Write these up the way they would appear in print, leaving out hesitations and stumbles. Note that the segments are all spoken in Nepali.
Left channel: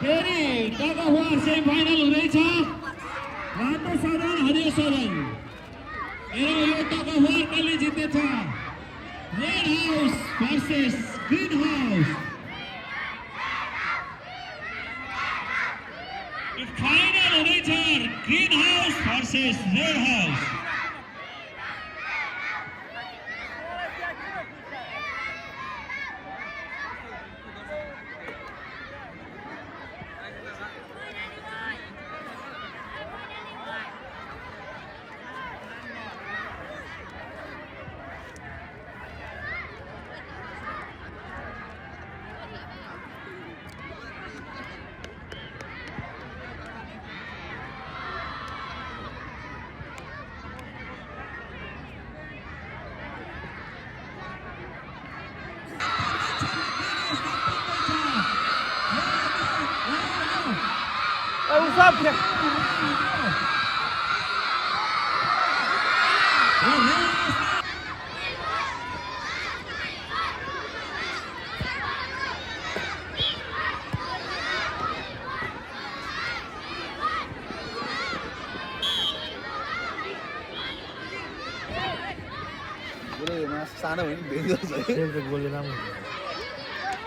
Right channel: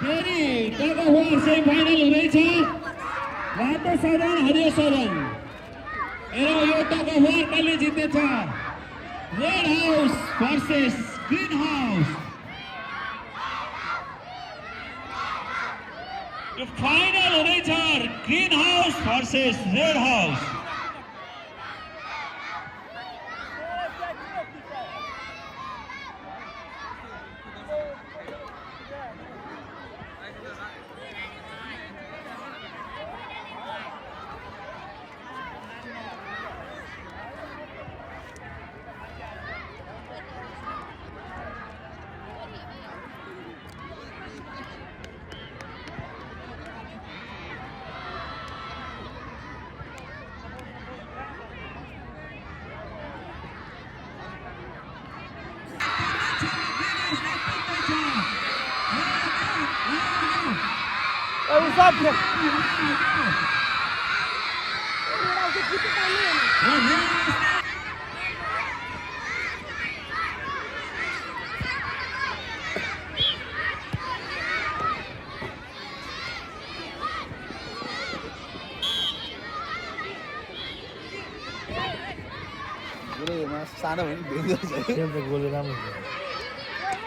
फेरि टग अफ वार सेमिफाइनल हुँदैछ रातो सदन हरियो सदन हेरौँ यो टग अफ वार कसले जितेछ red house versus green house यो फाइनल हुँदैछ green house versus red house Uzatnie. सानो भने भेट्दो छ त्यो गोली राम्रो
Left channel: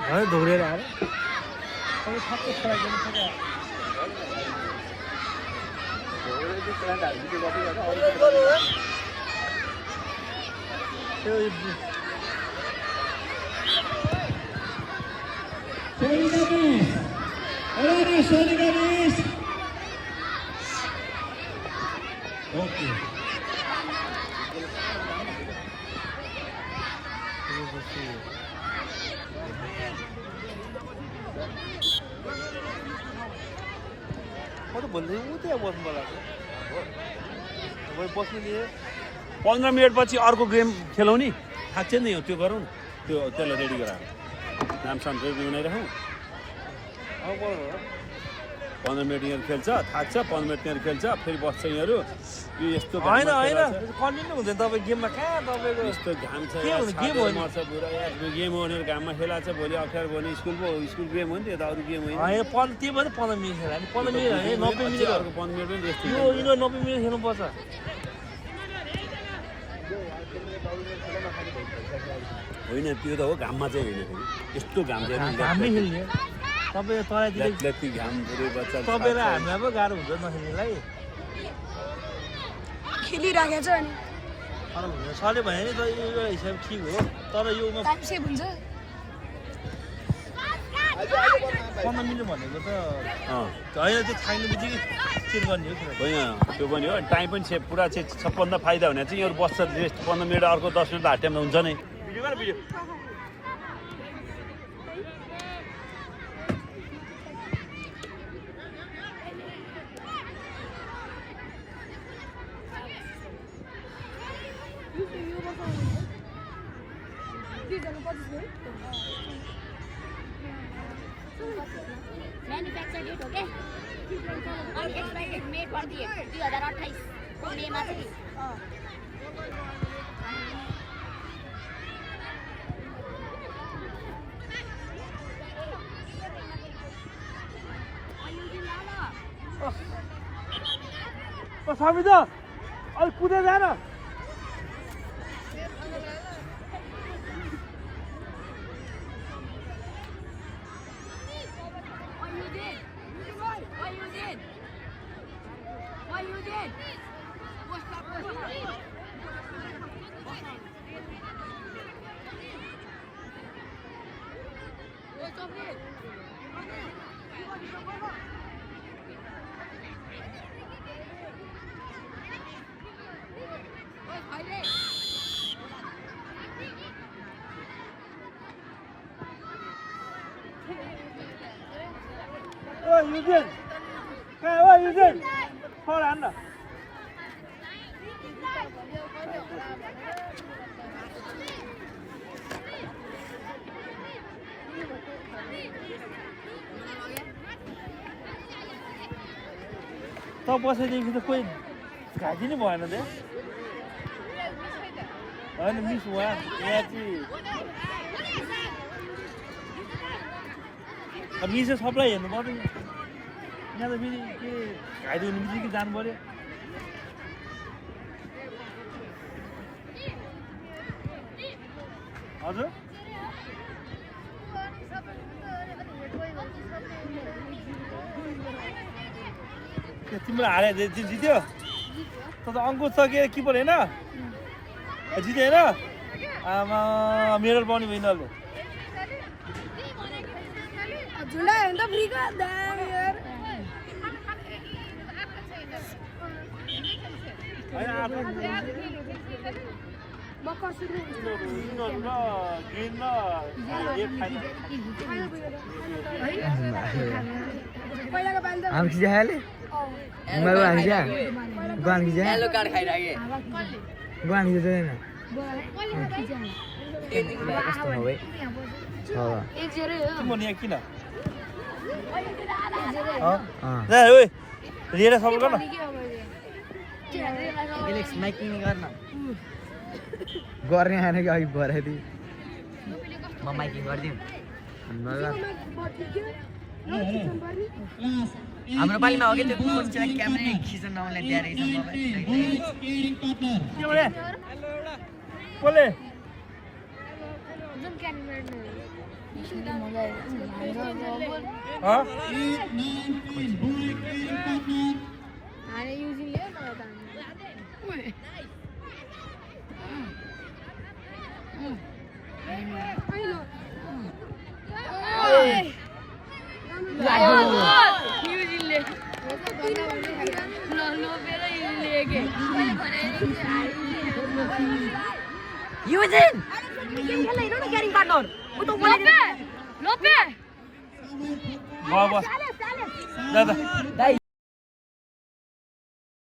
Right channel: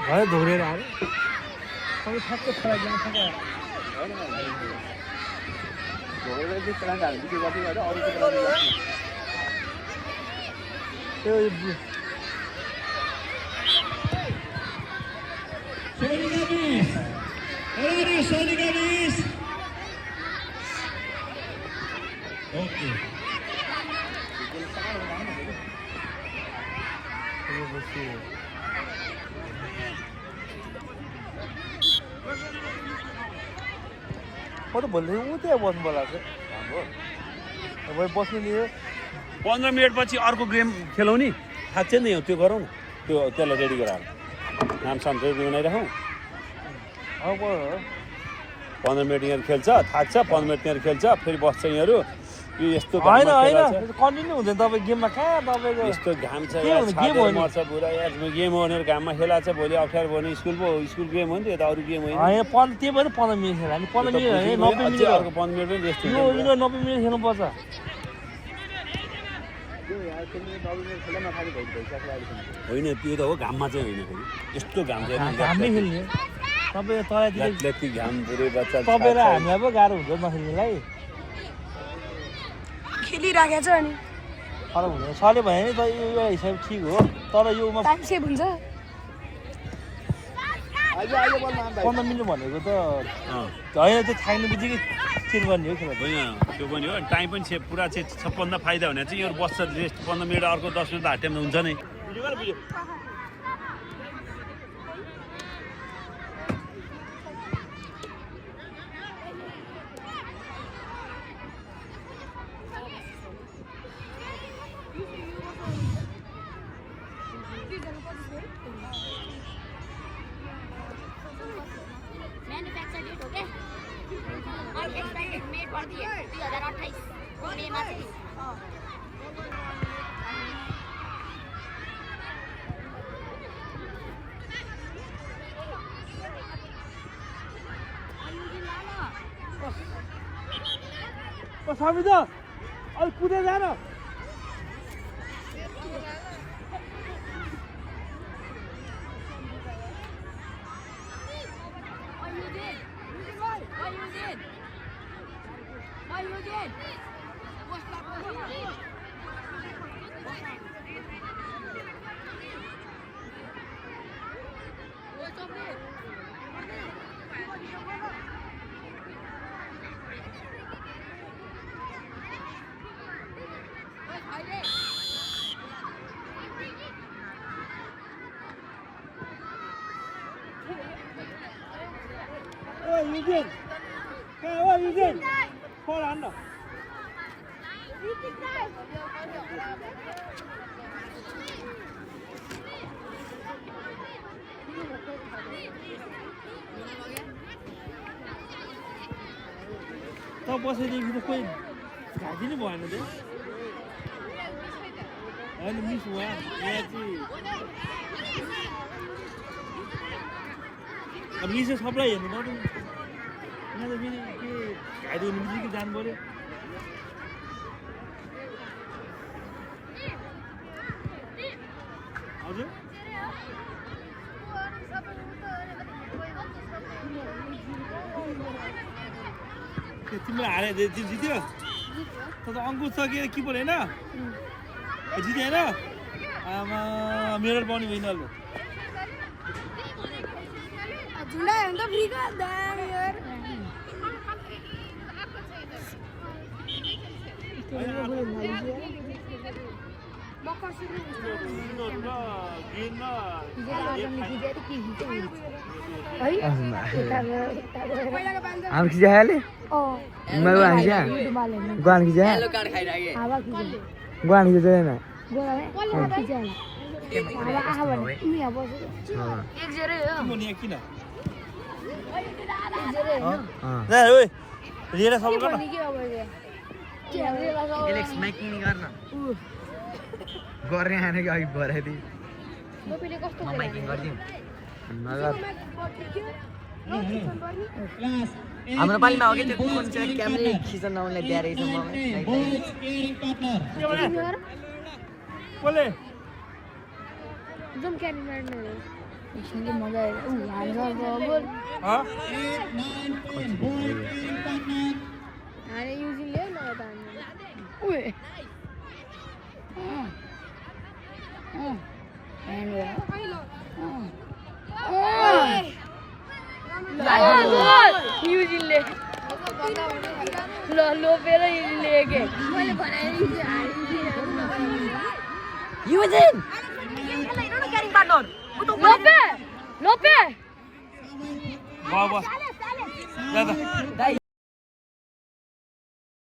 भयो धोरेर आयो त्यो ठ्याक्कै छाड्दैन ठ्याक्कै धोरेर चाहिँ प्लान्ट हाल्नु त्यो जति गर्दा अरु म त भन्दै उतै बस्नु पर्ला अब बस्नु नि 15 मिनेटपछि अर्को गेम खेलौँ नि थाक्छ नि त्यो गरौँ न त्यो त्यसलाई रेडी गराएर नामसाम रेडी बनाइराखौँ अब 15 मिनट यहाँ खेल्छ थाक्छ 15 मिनट यहाँ खेल्छ फेरि बस्छ यिनीहरू यो यस्तो घाममा खेला छ कन्टिन्यू हुँदैन तपाईँ गेममा कहाँ तपाईँको यस्तो घाम छ यार छाडेर मर्छ पुरा यार गेम हो भनेर घाममा खेला छ भोलि अप्ठ्यारो भयो भने स्कुल गेम हो नि त अरू गेम होइन त्यही भएर 15 मिनट खेल्यो हामी 15 मिनट अझै अर्को 15 मिनट पनि रेस्ट हुन्छ 90 मिनट खेल्नुपर्छ होइन त्यो त हो घाममा चाहिँ होइन फेरि यस्तो घाम चाहिँ हामीले खेल्ने तपाईँ घाम पुरै बच्चा तपाईँ र हामीलाई पो गाह्रो हुन्छ नखेल्नुलाई खेलिराखेको छ अनि तर हुँदैन सरले भने नि त यो हिसाब ठिक हो तर योमा टाइम सेभ हुन्छ 15 मिनट भनेको त होइन त्यो थाक्ने बित्तिकै चेन्ज गर्ने हो खेल होइन त्यो पनि हो टाइम पनि सेभ पुरा चाहिँ सबभन्दा फाइदा भने चाहिँ यो बस्छ रेस्ट 15 मिनट अर्को 10 मिनट हाट टाइममा हुन्छ नै भिडियो मैन्युफैक्चर डेट हो क्या और एक्सपायरी मेड कर दिए 2028 मे मा चाहिँ स्वामी त अलिक कुदेर जान Eugene! Hey, Eugene! Hold on. त बसेदेखि त कोही घाँटी नै भएन त्यहाँ होइन मिस भयो यहाँ चाहिँ अब यसो सबलाई हेर्नु पर्यो यहाँ त फेरि के खाइदिनु बित्तिकै जानु पर्यो हजुर तिम्रो हारे जित्यो त अङ्कुश छ के किपर होइन जित्यो होइन आमा मेडल पाउने भयो यिनीहरूले आम खिचा हाले मैं वो खिचा गुआन खिचा हेलो कार्ड खाइ राखे गुआन खिचा हैन मोनिया किन जा ओइ रिएर सबै गर्न एलेक्स माइकिङ गर्न गर्ने आने कि अघि भराइदिए म माइकिङ गरिदिउँ नगर हाम्रो पालिमा हो कि त्यो कुन चाहिँ क्यामेरा खिच्न नहुने दिएर रहेछ मलाई बोले जुन क्यामेरा इसले मजा आयो अरे युजिङ ल्याउ न त ओए युजिङले लोपेर युजिङले के मैले भने युजिन खेला हेर्नु न क्यारिङ पार्टनर लोपे बस जा